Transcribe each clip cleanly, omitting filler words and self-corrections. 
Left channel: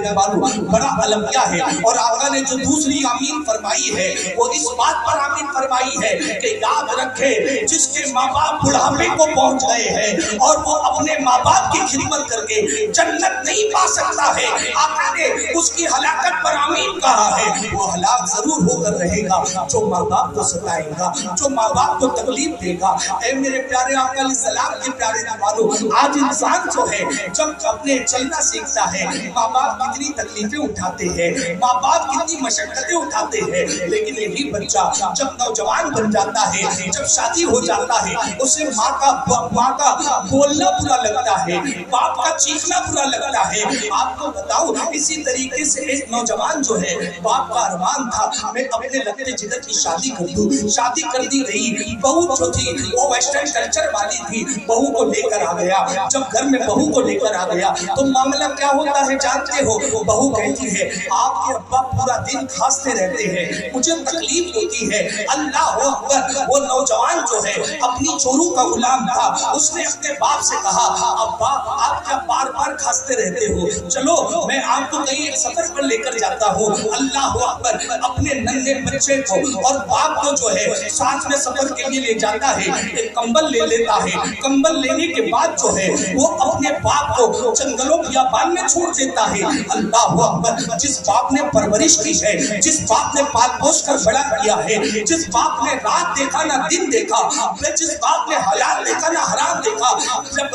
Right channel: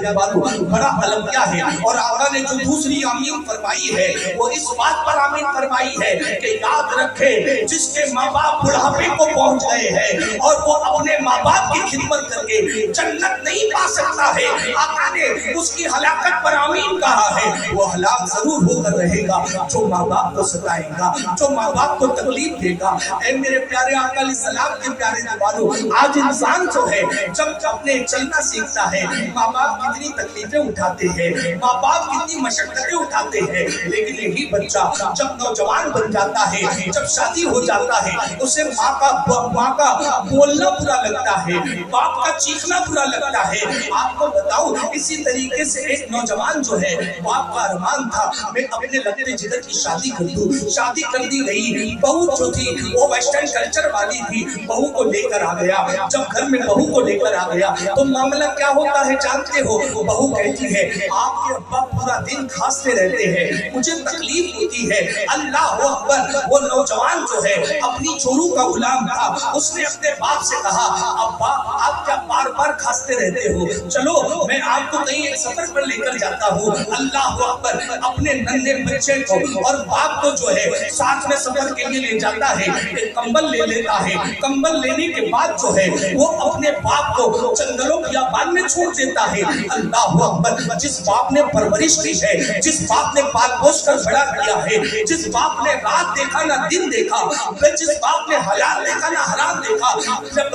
दीवारों बड़ा अलमिया है। और आका ने जो दूसरी आमीन फरमाई है वो इस बात पर आमीन फरमाई है कि याद रखे जिसके माँ बाप बुढ़ापे को पहुंच गए हैं और वो अपने माँ बाप की खिदमत करके जन्नत नहीं पा सकता है, आका ने उसकी हलाकत पर आमीन कहा है। वो हलाक जरूर होकर रहेगा जो माँ बाप को सताएगा, जो माँ बाप को तकलीफ देगा। ऐ मेरे प्यारे आका अलैहिस्सलाम के प्यारे दीवारों, आज इंसान जो है जब अपने चलना सीखता है, माँ बाप कितनी तकलीफें उठाते हैं, माँ बाप कितनी मशक्कतें उठाते हैं, लेकिन यही बच्चा जब नौजवान बन जाता है, जब शादी हो जाता है, उसे माँ का बोलना बुरा लगता है, बाप का चीखना बुरा लगता है। आपको बताऊं, इसी तरीके से एक नौजवान जो है, बाप का अरमान था मैं अपने लगते जिगर की शादी कर दूं, शादी कर दी गई। बहू जो थी वो वेस्टर्न कल्चर वाली थी, बहू को लेकर आ गया। जब घर में बहू को लेकर आ गया तो मामला क्या होता है जानते हो? बहू कहती है आपके अब्बा पूरा दिन खांसते रहते हैं, मुझे तकलीफ होती है। अल्लाह अकबर। वो नौजवान जो है अपनी चोरू का गुलाम था, उसने अपने बाप से कहा अब्बा आप क्या बार बार खांसते रहते हो, चलो मैं आपको कहीं एक सफर पर लेकर जाता हूँ। अल्लाह अकबर। अपने नन्हे बच्चे को और बाप को जो है साथ में सफर के लिए ले जाता है, एक कंबल ले लेता है। कंबल लेने के बाद जो है वो अपने बाप को जंगलों बियाबान में छोड़ देता है। अल्लाह अकबर। जिस बाप ने परवरिश की है, जिस बाप ने पाल पोस कर बड़ा किया है, जिस बाप ने रात देखा ना दिन देखा, जिस बाप ने हलाल देखा ना हराम देखा, जब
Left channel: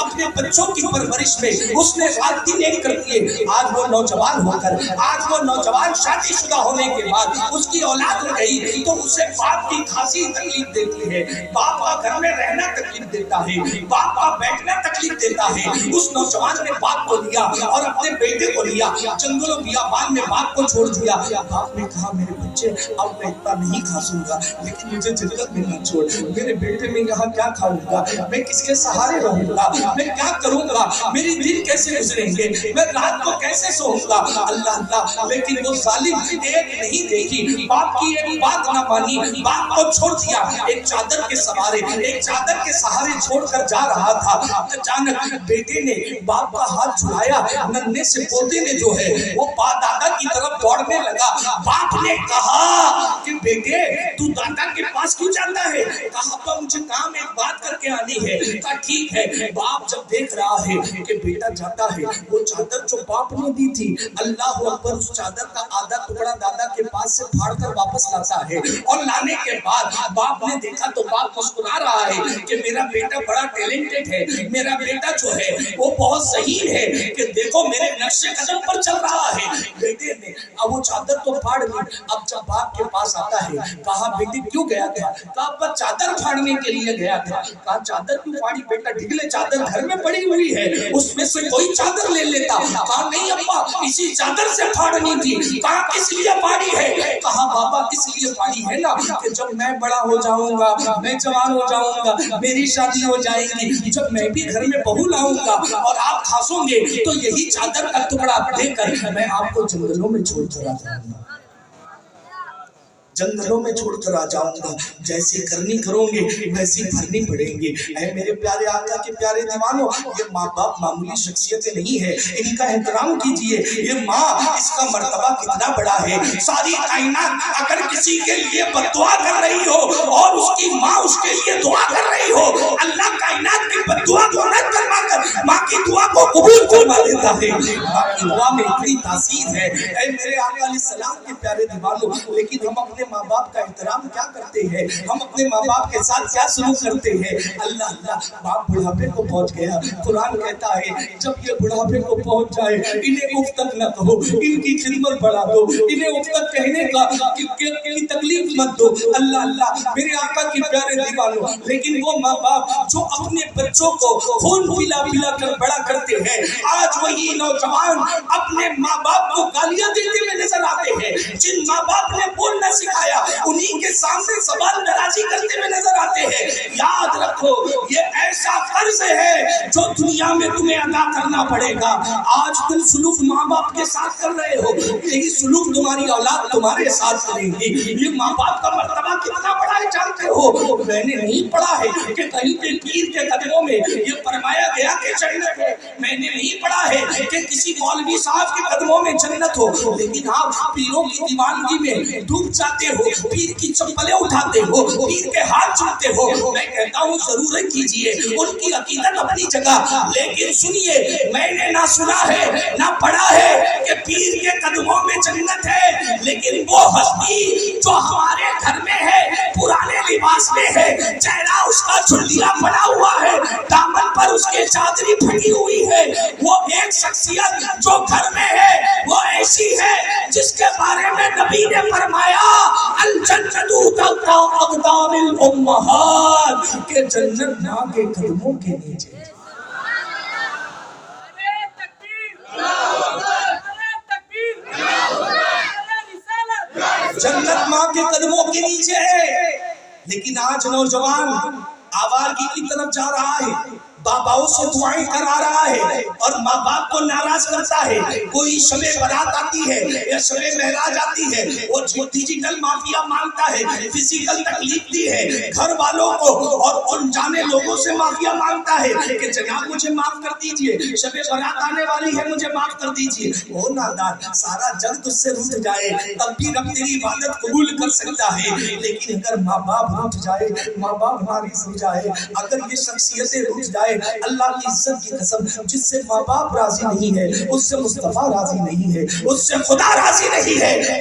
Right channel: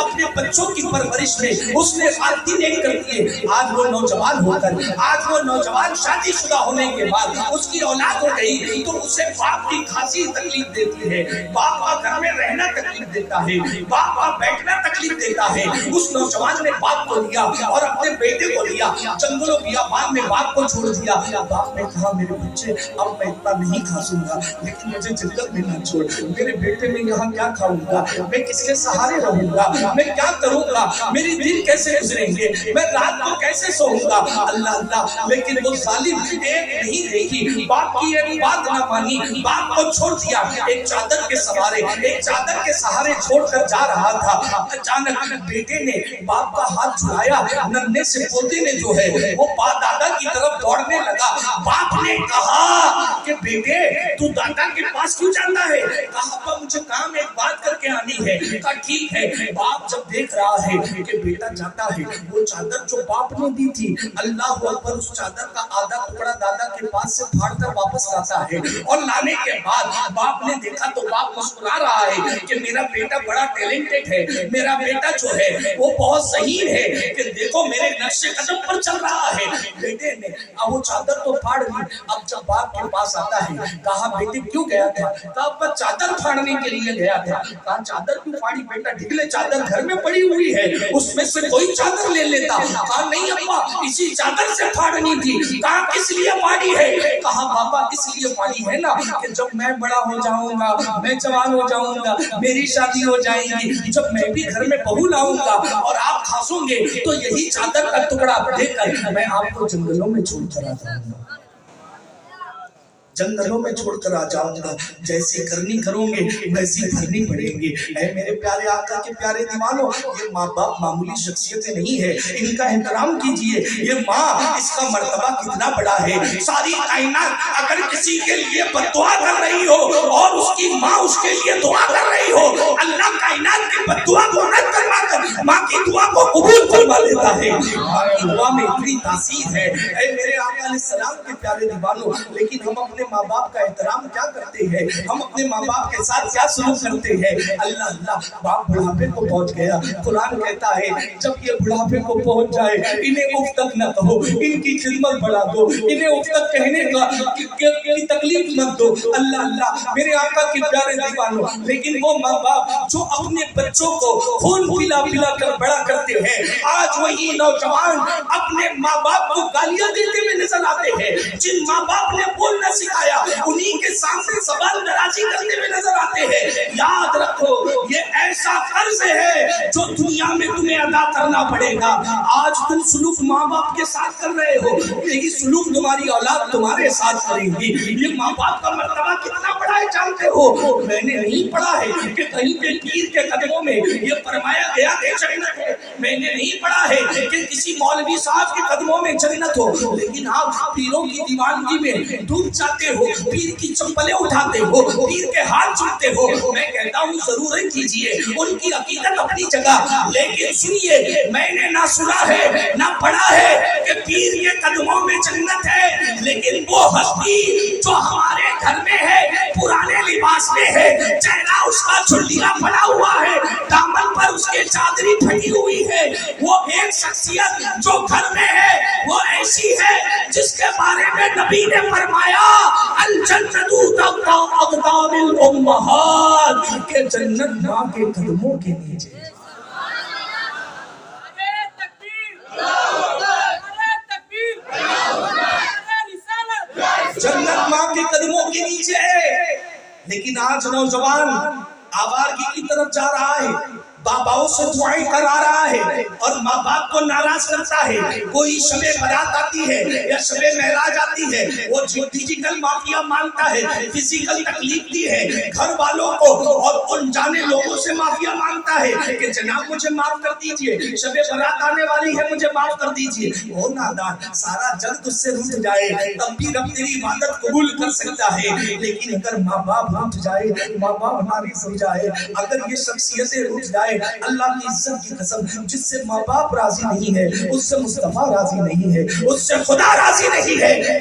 अपने बच्चों की परवरिश में उसने रात दिन एक कर दिए। आज वो नौजवान होकर, आज वो नौजवान शादीशुदा होने के बाद उसकी औलाद हो गई तो उसे बाप की खांसी तकलीफ देती है, बाप का घर में रहना तकलीफ देता है, बाप का बैठना तकलीफ देता है। उस नौजवान ने बाप को लिया और अपने बेटे को लिया, जंगलों बियाबान में बाप को छोड़ दिया। बाप ने कहा मेरे बच्चे अब मैं इतना नहीं खासूंगा, लेकिन मुझे जन्नत में न छोड़, मेरे बेटे में यहाँ क्या खाऊंगा, मैं किसके सहारे रहूंगा, मैं क्या करूंगा, मेरी दिन कैसे गुजरेंगे, मैं रात को कैसे सोऊंगा। अल्लाह अल्लाह। लेकिन वो जालिम एक नहीं देखी, बाप की एक बात न मानी, बाप को छोड़ दिया। एक चादर के सहारे, एक चादर के सहारे छोड़कर जा रहा था, अचानक बेटे ने बाप का हाथ छुड़ाया, नन्हे से पोते ने जो है वो दादा की तरफ दौड़ने लगा। बाप ने कहा कि बेटे तू दादा के पास क्यों जाता है? कहा मुझे काम एक बात करके आनी है। कहा ठीक है। बाप जब देख रहा है कि बेटा जाता है, वो चादर जो बाप ने दी थी, अल्लाह अकबर, उस चादर का आधा टुकड़ा दादा के पास से फाड़ कर वापस लाता है। और लाने के बाद बाप ने देखा तो बाप मुस्कुरा रहा है कि मेरा बेटा बड़ा टैलेंटेड है, मेरा बेटा जो है वो बहुत सही है, कि देखो मेरे नक्शे कदम पर चल रहा है। बेटे ने अब वो चादर तो फाड़ ली। अब जब बाप के पास आता है, कहा बेटे क्यों गया था? कहा चादर फाड़ने के लिए गया था। कहा चादर क्यों फाड़ी? बेटा ढिगले चादर घर में पड़ी हुई है, उसमें से कोई चादर ले लेता। कहा नहीं अब्बा, इसी चादर से फाड़नी थी। कहा किस लिए फाड़ी है? कहा बाबा इसलिए फाड़ी है ना कि जब मैं बड़ा हो जाऊंगा, मैं जवान हो जाऊंगा, मेरी शादी हो जाएगी, जब मैं भी घर में बहू लाऊंगा और आप खासोगे तो यही चादर का टुकड़ा देकर मैं आपको जंगलों में छोड़ कर आ जाऊंगा, जंगलों में छोड़कर आ जाऊंगा। जैसी करनी करोगे वैसी भरनी पड़ेंगी। ऐ मेरे प्यारे आका के प्यारे दीवानों, ये माँ बाप मामूली शख्सियतें नहीं है, इनका एहतराम कीजिए। ये माँ, इसका मर्तबा कितना बड़ा है। सारी कायनात अगर किसी के लिए बद्दुआ कर रही हो और उसकी माँ उसके लिए दुआ कर रही हो, अल्लाह कायनात की बद्दुआ को रद्द करवाकर माँ की दुआ को कबूल करवा देता है। माँ की दुआ में इतनी तासीर है। ऐ मेरे आका अलैहिस्सलाम के प्यारे दीवानों, लेकिन हम अपने माँ बाप का एहतराम क्या करते हैं, हम अपने माँ बाप के साथ क्या सलूक करते हैं। अल्लाह अल्लाह। बाप बुढ़ापे को पहुंच गया, कुरान कहता है जब ये बुढ़ापे को पहुंच जाए इन्हें उफ तक न कहो, इनकी खिदमत बढ़ा दो, इन्हें उफ तक कहने का की तकलीफ मत दो। अल्लाह अल्लाह। मेरे आका के प्यारे दीवानों, लेकिन वो माँ बाप जो अपने बच्चों को खून पिला पिला कर बड़ा करते हैं, आज वही नौजवान अपने माँ बाप को गालियां देते हुए नजर आते हैं। जिन माँ बाप ने बोलना सिखाया آیا انہی کے سامنے زبان درازی کرتے ہوئے نظر آتے ہیں. یاد رکھو یہ ایسا قرض ہے جو دنیا میں تمہیں ادا کرنا پڑے گا. آج تم سلوک ماں باپ کے ساتھ کر رہے ہو, یہی سلوک تمہاری اولاد تمہارے ساتھ کرے گی. یہ ماں باپ کا مرتبہ کتنا بڑا ہے جانتے ہو؟ میں نے نہیں پڑھا ہے کہ کہیں پہ پیر کے قدموں میں یہ فرمایا گیا کہ جنت ہے. میں نے نہیں پڑھا ہے کہ کسی مولوی صاحب کے قدموں میں جنت ہو, لیکن آپ پیروں کی دیوانگی میں ڈوب جاتے ہو, پیر کی چپلیں اٹھاتے ہو, پیر کے ہاتھ چومتے ہو. میں کہتا ہوں ضرور کیجئے, ان کی عقیدت اپنی جگہ, لیکن سنیے میں نے نہ سنا ہے نہ پڑھا ہے کہ پیر کے قدموں میں جنت ہے, لیکن وہ ہستی جو ہمارے گھر میں ہے, پرانے لباس میں ہے, چہرہ اس کا جھلیاں بنا ہوا ہے, دامن پر اس کے چادری پھٹی ہوئی ہے, وہ ایک شخصیت جو گھر میں ہے وہ ایسی ہے جس کے بارے میں نبی نے فرمایا الجنت تحت اقدام الامہات, کہ جنت ماں کے قدموں کے نیچے. جنت ماں کے قدموں کے نیچے ہے. لیکن آج نوجوان آوارگی کی طرف جا رہا ہے, باباؤں سے دعائیں کرا رہا ہے اور ماں باپ کو ناراض کرتا ہے. کوئی شب برات آتی ہے یا شب معراج آتی ہے, وہ ڈیجیٹل معافیا مانگتا ہے, فزیکل تکلیف دی ہے گھر والوں کو, اور ان جانے لوگوں سے معافیا مانگتا ہے کہ جناب مجھے معاف کر دیجئے, شب برات آنے والی ہے مجھے معاف کر دیجئے. وہ نادان, سارا جگ تجھ سے روٹ جائے تب بھی رب تیری عبادت قبول کر سکتا ہے, لیکن اگر ماں باپ روٹ جائے, ماں باپ ناراض ہو جائے, اگر یہ شخصیتیں روٹ جائے, اللہ کی عزت کی قسم, جس سے ماں باپ راضی نہیں ہے اس سے مصطفیٰ راضی نہیں ہے, اس سے خدا راضی نہیں ہے.